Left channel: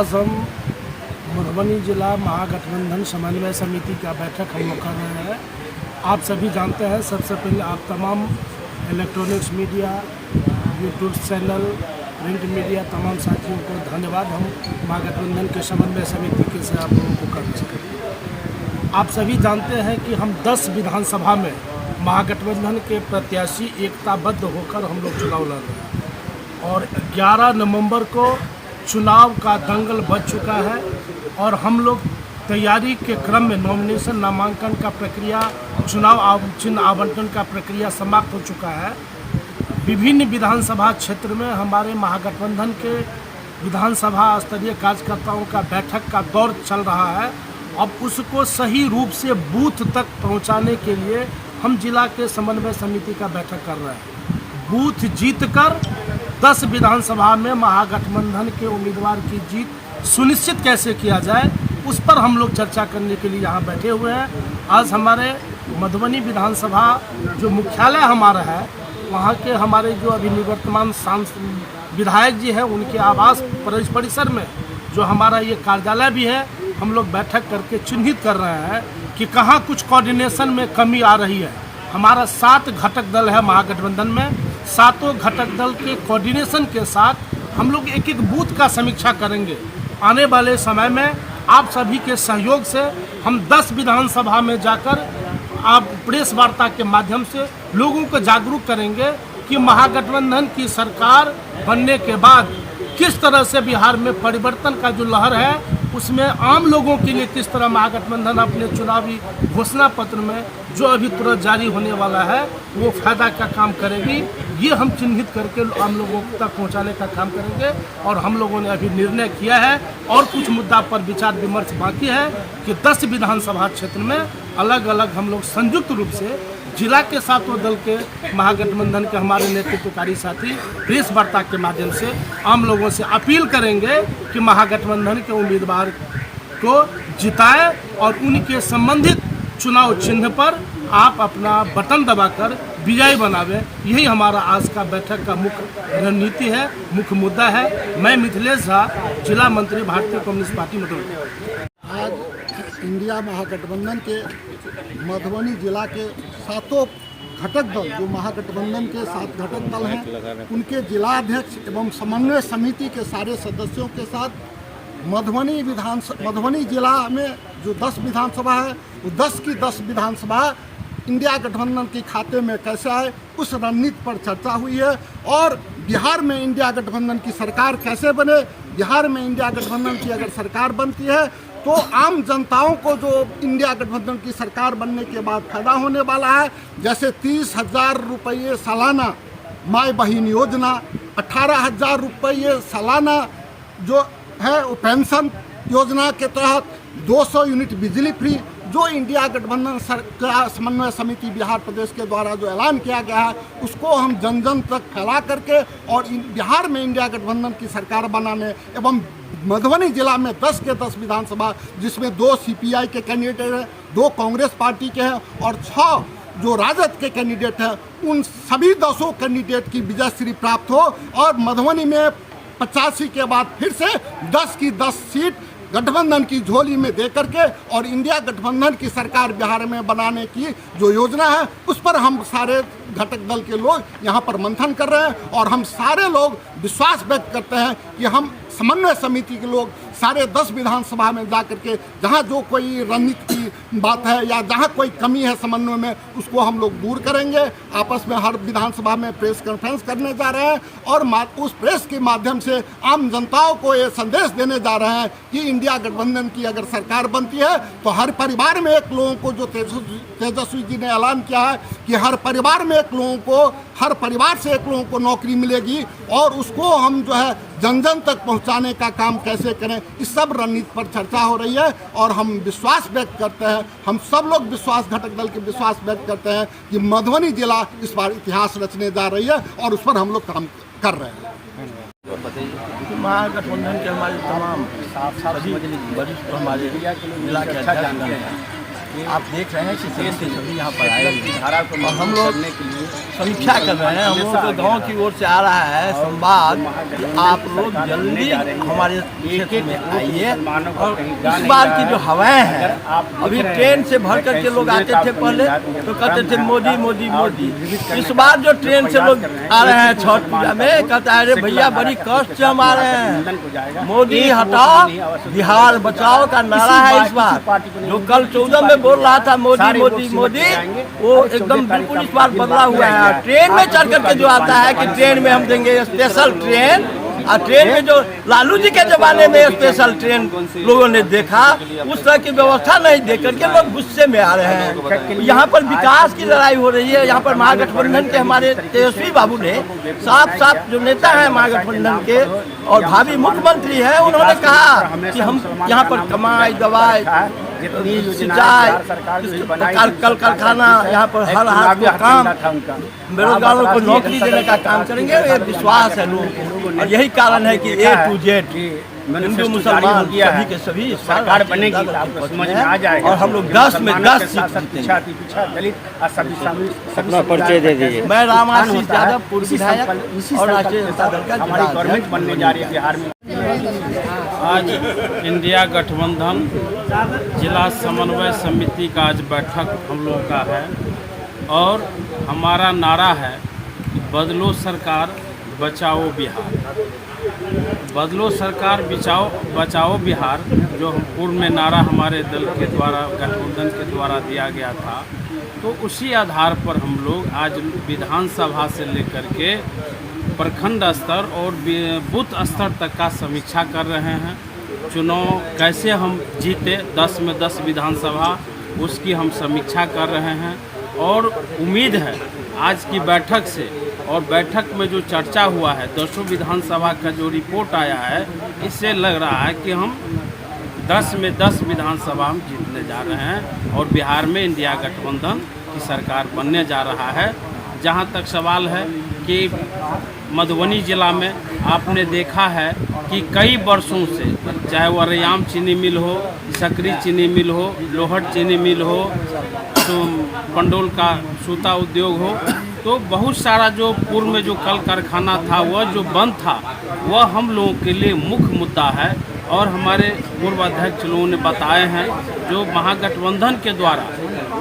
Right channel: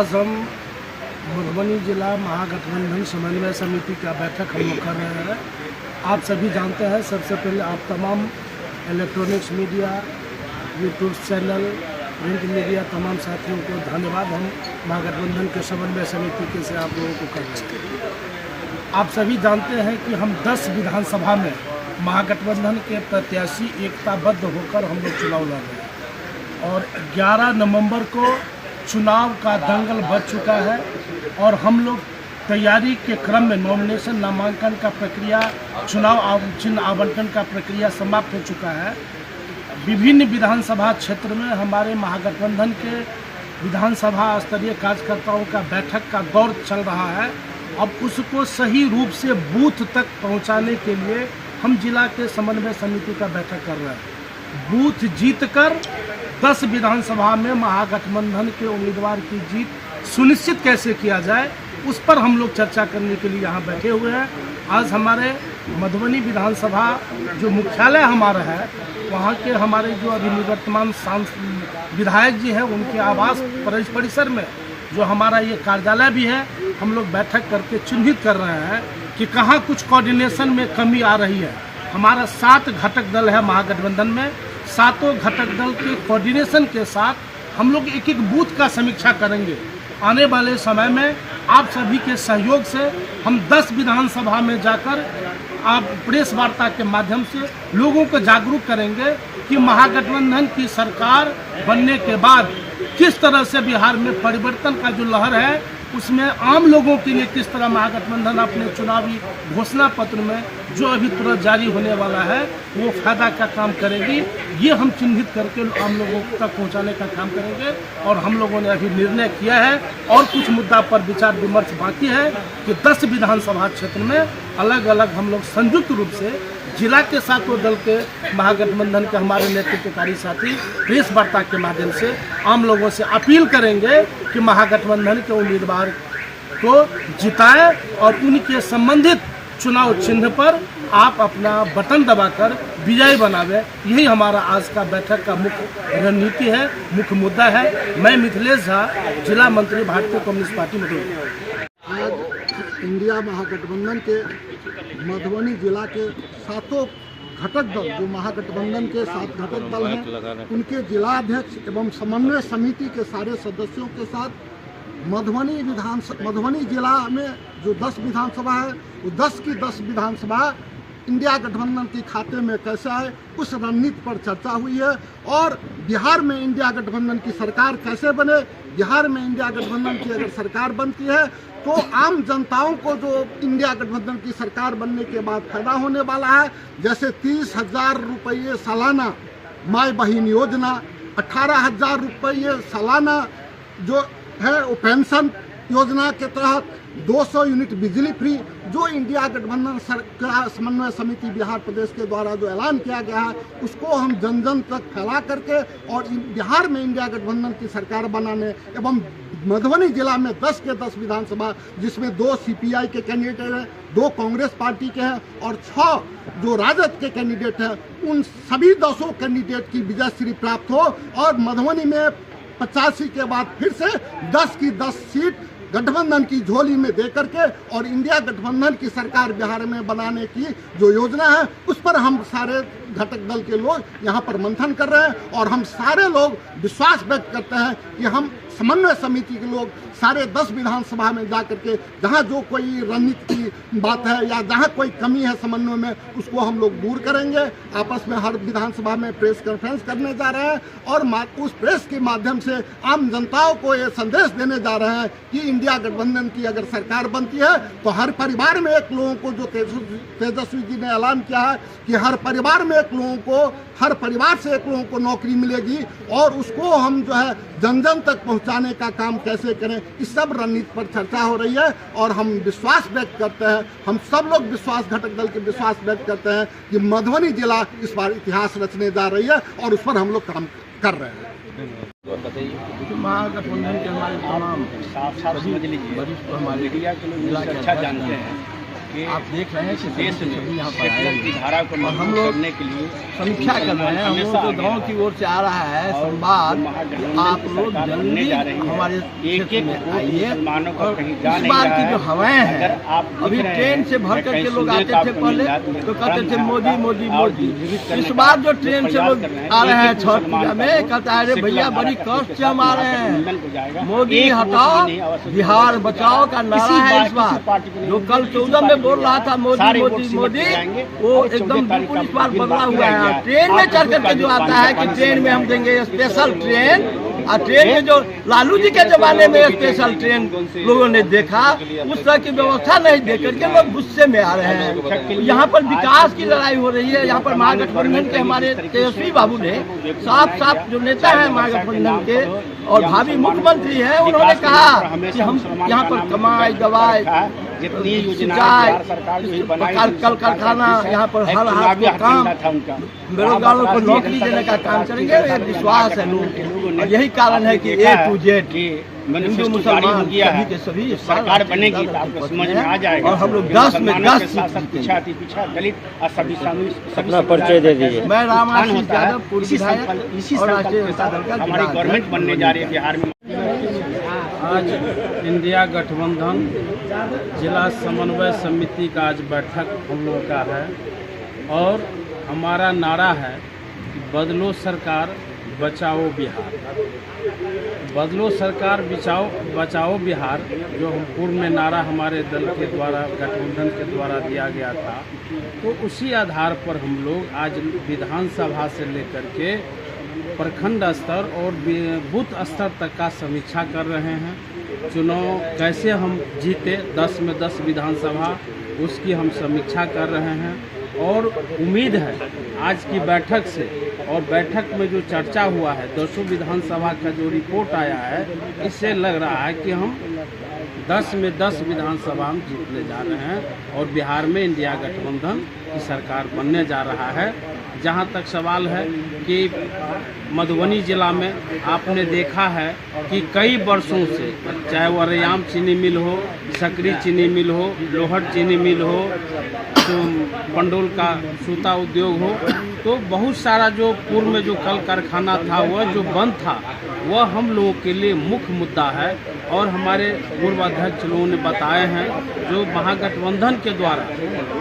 आज हम मधुबनी जिला महागठबंधन समन्वय समिति का बैठक हम लोग कर रहे हैं। आप सभी जानते हैं, सबसे पहले आप तमाम electronics media, YouTube channel, print media, तमाम साथियों को धन्यवाद हम महागठबंधन के समन्वय समिति के से आप लोगों को कर रहे हैं। आप सभी जानते हैं कि हम 10 विधानसभा में महागठबंधन के प्रत्याशी एकताबद्ध होकर हम लोग चुनाव लड़ रहे हैं और 11 नवंबर को चुनाव का दंगल बच चुका है और हम लोग तैयारी के क्रम में नॉमिनेशन, नामांकन का प्रक्रिया, चुनाव चिन्ह आवंटन का प्रक्रिया समाप्त हो चुका है। विभिन्न विधानसभा क्षेत्र में हमारे महागठबंधन के विधानसभा स्तरीय कार्यकर्ताओं का बैठक का दौर चल रहा है। अब उसको सही रूप से बूथ तक पहुंचाने के लिए हम जिला के समन्वय समिति का बैठक कर रहे हैं। बूथ जीतकर 10 विधानसभा में महागठबंधन के उम्मीदवार की जीत सुनिश्चित कैसे किया जाए, उस पर हम लोग चर्चा करने के लिए यहाँ बैठे हुए हैं। आज हमारे मधुबनी विधानसभा जो मुख्यालय हमारा है, वहाँ के हमारे जो अभी निवर्तमान विधायक जी हैं, उनके आवास परिसर में जो हमारा ये कार्यालय भी है, हम लोग बैठक करके चिन्हित कर रहे हैं कि कहाँ कुछ कोऑर्डिनेशन में कमी आ रही है। हमारा 7 घटक दल है महागठबंधन में, 7 घटक दल के कोऑर्डिनेशन के साथ हम लोग एक एक बूथ का समीक्षा करेंगे। आने वाले समय में आप सभी के सहयोग से हम 10 विधानसभा में जाकर आप प्रेस वार्ता के माध्यम से लोगों को जागरूक करेंगे कि महागठबंधन की सरकार बनने के बाद किस तरह से बिहार में परिवर्तन का जो लहर है, उसमें आम लोगों के लिए किस तरह महागठबंधन अपने चुनावी घोषणा पत्र में जो अभी तुरंत जारी होने वाला है वो फायदा का काम करेगी। ये हम चिन्हित करके आम लोगों तक पहुंचाने का काम करेंगे और हम लोगों ने अभी निर्णय किया है और कुछ मुद्दा पर विचार विमर्श बाकी है कि 10 विधानसभा क्षेत्र में अलग अलग हम लोग संयुक्त रूप से जिला के 7 दल के महागठबंधन के हमारे नेतृत्वकारी साथी प्रेस वार्ता के माध्यम से आम लोगों से अपील करेंगे कि महागठबंधन के उम्मीदवार को जिताएं और उनके संबंधित चुनाव चिन्ह पर आप अपना बटन दबाकर विजयी बनावे। यही हमारा आज का बैठक का मुख्य रणनीति है, मुख्य मुद्दा है। मैं मिथिलेश झा, जिला मंत्री, भारतीय कम्युनिस्ट पार्टी मधुबनी। आज इंडिया महागठबंधन के मधुबनी जिला के 7 घटक दल, जो महागठबंधन के 7 घटक दल हैं, उनके जिलाध्यक्ष एवं समन्वय समिति के सारे सदस्यों के साथ मधुबनी जिला में जो 10 विधानसभा है, वो 10 की 10 विधानसभा इंडिया गठबंधन के खाते में कैसे आए, उस रणनीति पर चर्चा हुई है। और बिहार में इंडिया गठबंधन की सरकार कैसे बने, बिहार में इंडिया गठबंधन की अगर सरकार बनती है तो आम जनताओं को जो इंडिया गठबंधन की सरकार बनने के बाद फायदा होने वाला है, जैसे 30,000 रुपये सालाना माई बहन योजना, 18,000 रुपये सालाना जो है वो पेंशन योजना के तहत 200 यूनिट बिजली फ्री, जो इंडिया गठबंधन सरकार समन्वय समिति बिहार प्रदेश के द्वारा जो ऐलान किया गया है, उसको हम जन जन तक फैला करके और बिहार में इंडिया गठबंधन की सरकार बनाने एवं मधुबनी जिला में 10 के 10 विधानसभा, जिसमें 2 CPI के कैंडिडेट हैं, 2 कांग्रेस पार्टी के हैं और 6 जो राजद के कैंडिडेट हैं, उन सभी 10 कैंडिडेट की विजयश्री प्राप्त हो और मधुबनी में 85 के बाद फिर से 10 की 10 सीट गठबंधन की झोली में दे करके और इंडिया गठबंधन की सरकार बिहार में बनाने की जो योजना है, उस पर हम सारे घटक दल के लोग यहाँ पर मंथन कर रहे हैं और हम सारे लोग विश्वास व्यक्त करते हैं कि हम समन्वय समिति के लोग सारे 10 विधानसभा में जा करके जहाँ जो कोई रणनीति की बात है या जहाँ कोई कमी है समन्वय में, उसको हम लोग दूर करेंगे। आपस में हर विधानसभा में प्रेस कॉन्फ्रेंस करने जा रहे हैं और उस प्रेस के माध्यम से आम जनताओं को ये संदेश देने जा रहे हैं कि इंडिया गठबंधन की अगर सरकार बनती है तो हर परिवार में एक लोगों को, जो तेजस्वी जी ने ऐलान किया है कि हर परिवार में एक लोगों को, हर परिवार से एक लोगों को नौकरी मिलेगी और उसको हम जो है जन जन तक पहुंचाने का काम कैसे करें, इस सब रणनीति पर चर्चा हो रही है और हम विश्वास व्यक्त करते हैं, हम सब लोग विश्वास घटक दल के विश्वास व्यक्त करते हैं कि मधुबनी जिला इस बार इतिहास रचने जा रही है और उस पर हम लोग काम कर रहे हैं। महागठबंधन के हमारे तमाम सभी वरिष्ठ हमारे जिला के अध्यक्ष हैं आप देख रहे हैं कि सभी के सभी यहाँ पर आए हुए हैं और हम लोग समीक्षा कर रहे हैं। हम लोग तो गांव की ओर से आ रहा है संवाद कि आप लोग जल्दी हमारे क्षेत्र में आइए। और इस बार की जो हवाएं हैं, अभी ट्रेन से भर करके लोग आते थे पहले तो कहते थे मोदी मोदी मोदी। इस बार जो ट्रेन से लोग आ रहे हैं छठ पूजा में, कहता है अरे भैया बड़ी कष्ट से हम आ रहे हैं, मोदी हटाओ बिहार बचाओ का नारा है इस बार। जो कल 14 में बोल रहा था मोदी मोदी मोदी, वो एकदम बिल्कुल इस बार बदला हुआ है। ट्रेन में चढ़ करके जो आता है कि ट्रेन में हम देंगे स्पेशल ट्रेन, और ट्रेन में जो लालू जी के जमाने में स्पेशल ट्रेन लोगों ने देखा, उस तरह की व्यवस्था नहीं देख करके लोग गुस्से में आ रहे हैं। यहाँ पर विकास की लड़ाई हो रही है। यहाँ पर महागठबंधन के हमारे तेजस्वी बाबू ने साफ साफ, जो नेता है महागठबंधन के और भावी मुख्यमंत्री हैं, उन्होंने कहा कि हम यहाँ पर कमाई दवाई सिंचाई कल कारखाना, यहाँ पर हर हाथ को काम, बेरोजगारों को नौकरी देने का काम करेंगे। ये विश्वास है लोगों को और यही कारण है कि A to Z हिंदू मुसलमान सभी के सभी इस बार हैं और हम लोग 10 में 10 सीट जीतेंगे। अपना परिचय दे दीजिए। मैं राम आशीष यादव, पूर्व विधायक और राष्ट्रीय जनता दल का जिला अध्यक्ष। आज इंडिया गठबंधन जिला समन्वय समिति का आज बैठक हम लोगों का है और हमारा नारा है कि बदलो सरकार बचाओ बिहार। बदलो सरकार बचाओ बिहार, जो पूर्व में नारा हमारे दल के द्वारा गठबंधन के द्वारा दिया गया था, तो उसी आधार पर हम लोग आज विधानसभा से लेकर के प्रखंड स्तर और बूथ स्तर तक का समीक्षा कर रहे हैं। चुनाव कैसे हम जीते 10 में 10 विधानसभा, उसकी हम समीक्षा कर रहे हैं और उम्मीद है आज की बैठक से और बैठक में जो चर्चा हुआ है 200 विधानसभा का जो रिपोर्ट आया है, इससे लग रहा है कि हम 10 में 10 विधानसभा हम जीतने जा रहे हैं और बिहार में इंडिया गठबंधन की सरकार बनने जा रहा है। जहां तक सवाल है कि मधुबनी जिला में आपने देखा है कि कई वर्षों से, चाहे वो रैयाम चीनी मिल हो, सकरी चीनी मिल हो, लोहट चीनी मिल हो, तो पंडोल का सूता उद्योग हो, तो बहुत सारा जो पूर्व में जो कल कारखाना था वह जो बंद था, वह हम लोगों के लिए मुख्य मुद्दा है। और हमारे पूर्व अध्यक्ष लोगों ने बताए हैं जो महागठबंधन के द्वारा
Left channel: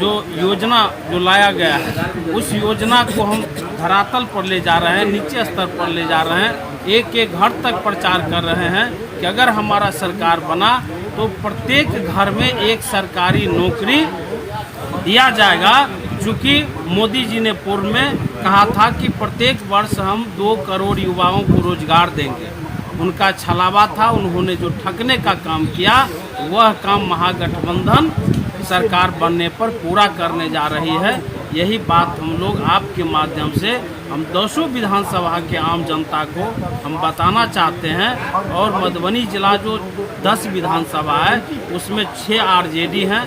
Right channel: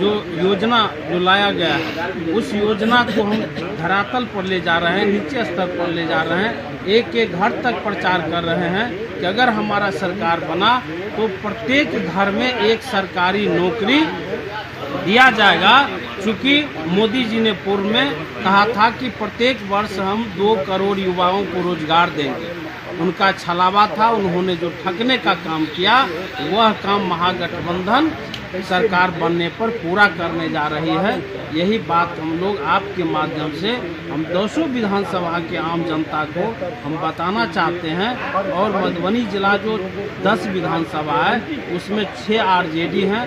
जो योजना जो लाया गया है, उस योजना को हम धरातल पर ले जा रहे हैं, नीचे स्तर पर ले जा रहे हैं, एक एक घर तक प्रचार कर रहे हैं कि अगर हमारा सरकार बना तो प्रत्येक घर में एक सरकारी नौकरी दिया जाएगा। चूँकि मोदी जी ने पूर्व में कहा था कि प्रत्येक वर्ष हम 2 करोड़ युवाओं को रोजगार देंगे, उनका छलावा था। उन्होंने जो ठगने का काम किया, वह काम महागठबंधन सरकार बनने पर पूरा करने जा रही है। यही बात हम लोग आपके माध्यम से हम 200 विधानसभा के आम जनता को हम बताना चाहते हैं। और मधुबनी जिला जो 10 विधानसभा है, उसमें 6 आरजेडी हैं,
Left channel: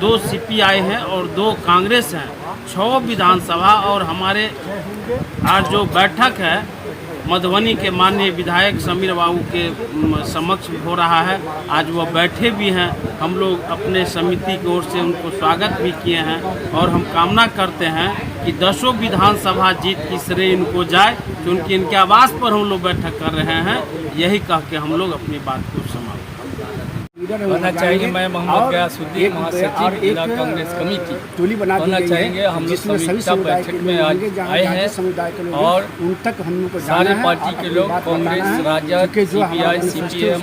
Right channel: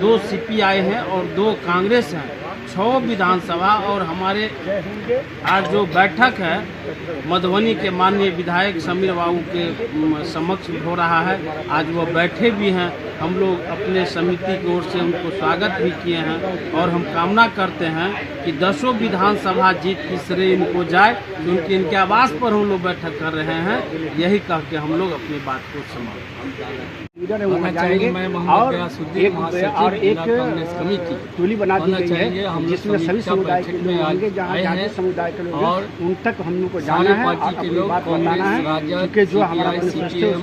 2 सीपीआई हैं और 2 कांग्रेस हैं। 6 विधानसभा और हमारे आज जो बैठक है मधुबनी के माननीय विधायक समीर बाबू के समक्ष हो रहा है। आज वो बैठे भी हैं, हम लोग अपने समिति की ओर से उनको स्वागत भी किए हैं और हम कामना करते हैं कि 10 विधानसभा जीत की श्रेय इनको जाए, क्योंकि इनके आवास पर हम लोग बैठक कर रहे हैं। यही कह के हम लोग अपनी बात को समाप्त कहना चाहेंगे। मैं मोहम्मद गयासुद्दीन, महासचिव जिला कांग्रेस कमेटी। कहना चाहेंगे हम लोग समीक्षा बैठक में आज आए हैं और सारे पार्टी के लोग, कांग्रेस, राजद, सीपीआई, सीपीएम,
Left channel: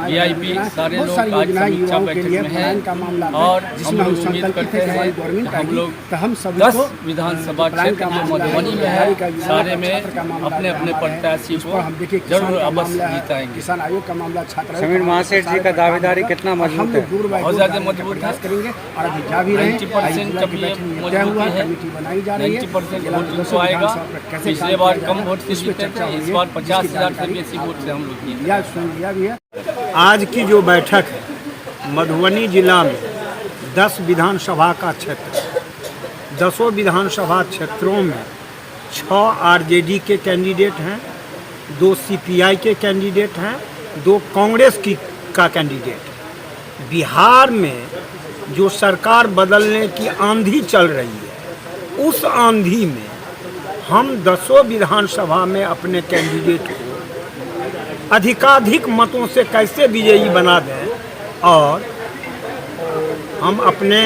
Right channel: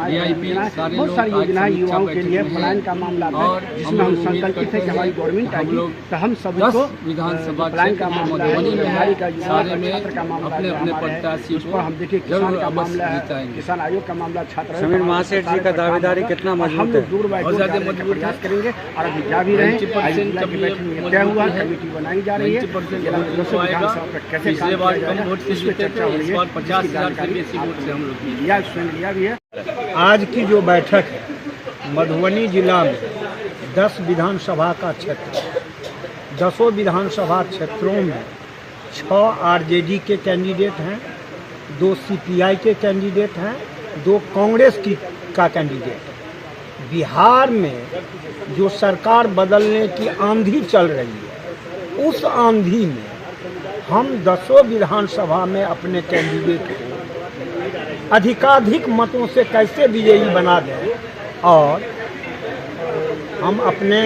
वीआईपी, सारे लोग आज समीक्षा बैठक में हैं और हम लोग उम्मीद करते हैं कि हम लोग 10 विधानसभा क्षेत्र जो मधुबनी में है, सारे में अपने अपने प्रत्याशी को जरूर अवश्य जिताएंगे। समीर महासेठ जी का दावेदारी कितना मजबूत है? बहुत ज़्यादा मजबूत है। 90% कभी मजबूती है, 90% वोट इनको आएगा। पिछले बार कम वोट से जीते थे, इस बार 50,000 से बेसी वोट से हम लोग जीते। आज की जो बैठक है मधुबनी जिला में 10 विधानसभा का क्षेत्र, 10 विधानसभा क्षेत्रों में 6 आरजेडी के कैंडिडेट हैं, 2 सीपीआई के कैंडिडेट हैं, 2 कांग्रेस का कैंडिडेट। बिहार में जो सरकार बदलने की आंधी चल रही है, उस आंधी में हम 10 विधानसभा में अपने कैंडिडेट को अधिकाधिक मतों से कैसे विजयी बना दें और हम अपने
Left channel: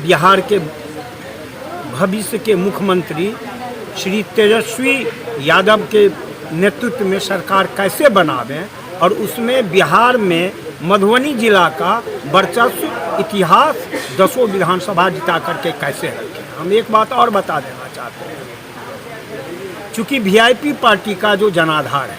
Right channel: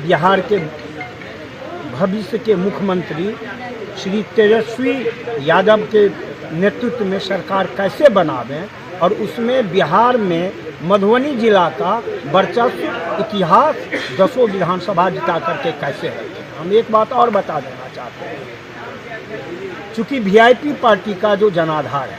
बिहार के भविष्य के मुख्यमंत्री श्री तेजस्वी यादव के नेतृत्व में सरकार कैसे बनावें और उसमें बिहार में मधुबनी जिला का वर्चस्व इतिहास 10 विधानसभा जिता करके कैसे रखें। हम एक बात और बता देना चाहते हैं, चूँकि वीआईपी पार्टी का जो जनाधार है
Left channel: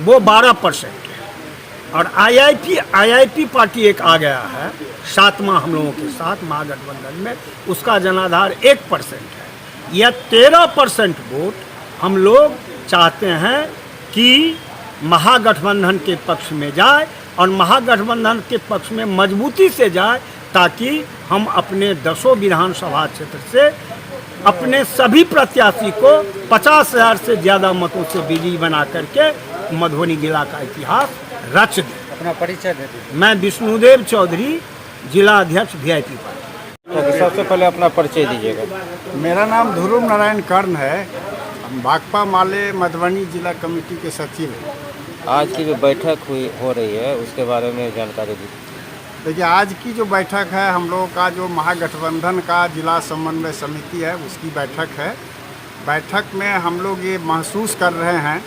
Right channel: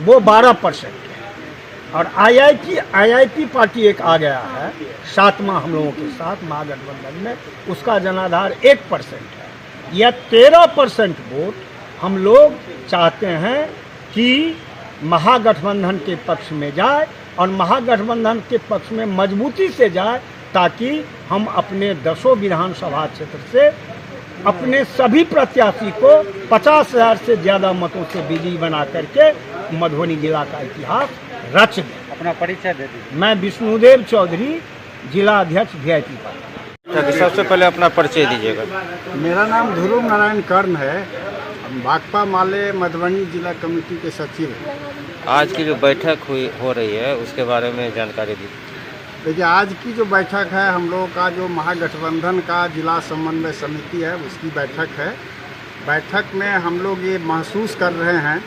वो 12% है और आईआईपी पार्टी एक आ गया है सातवां हम लोगों के साथ महागठबंधन में, उसका जनाधार 1% है। यह 13% वोट हम लोग चाहते हैं कि महागठबंधन के पक्ष में जाए और महागठबंधन के पक्ष में मजबूती से जाए, ताकि हम अपने 10 विधानसभा क्षेत्र से अपने सभी प्रत्याशी को 50,000 से ज़्यादा मतों से विजयी बना करके मधुबनी जिला का इतिहास रच दें। अपना परिचय दे दीजिए। मैं विष्णुदेव चौधरी, जिला अध्यक्ष वीआईपी पार्टी। सबसे पहले अपना परिचय दीजिएगा। मेरा नाम ध्रुव नारायण कर्ण है, हम भाकपा माले मधुबनी जिला कमेटी के सचिव हैं। आज की जो बैठक हो रही है उसके बारे में जानकारी दी। देखिए, आज की जो बैठक है हम लोगों का जो महागठबंधन का जिला समन्वय समिति है उसकी बैठक है। बैठक में हम लोग ये महसूस कर रहे हैं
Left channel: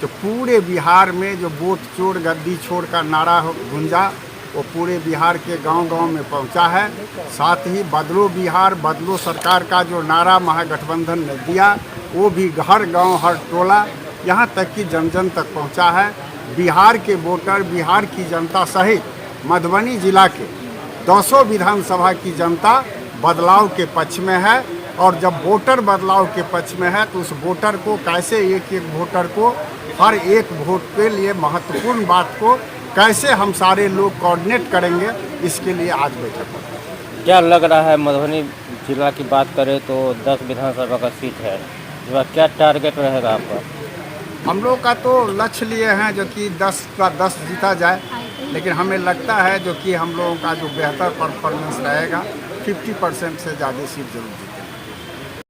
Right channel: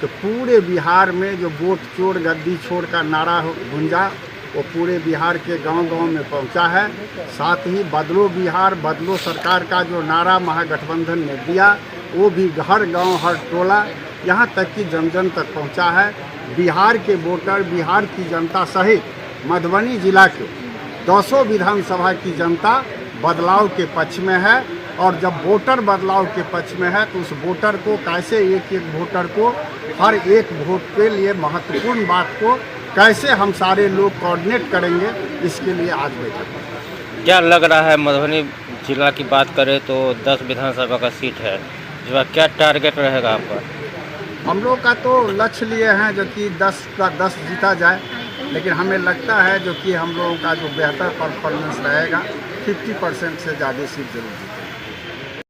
कि पूरे बिहार में जो वोट चोर गद्दी छोड़ का नारा गूंजा वो पूरे बिहार के गांव-गांव में पहुंचा है। साथ ही बदलो बिहार बदलो सरकार का जो नारा महागठबंधन ने दिया वो भी हर गांव हर टोला यहाँ तक कि जन तक पहुँचा है। बिहार के वोटर, बिहार की जनता सहित मधुबनी जिला के 200 विधानसभा की जनता बदलाव के पक्ष में है और जब वोटर बदलाव के पक्ष में है तो उस वोटर को कैसे एक एक वोटर को हर एक वोट के लिए महत्वपूर्ण बात को कैसे हम सारे लोग कोऑर्डिनेट करेंगे, इसके लिए आज बैठक होता है। क्या लग रहा है, मधुबनी जिला की बात करें तो 10 विधानसभा का सीट है, जो क्या टारगेट रहेगा आपका? हम लोग का तो लक्ष्य लिए हैं जो कि 10 का 10 जीता जाए, लेकिन हमें लगता है जो कि हम लोगों का जो बेहतर परफॉर्मेंस रहेगा 50% से ज़्यादा सीट जरूर जीतेगा।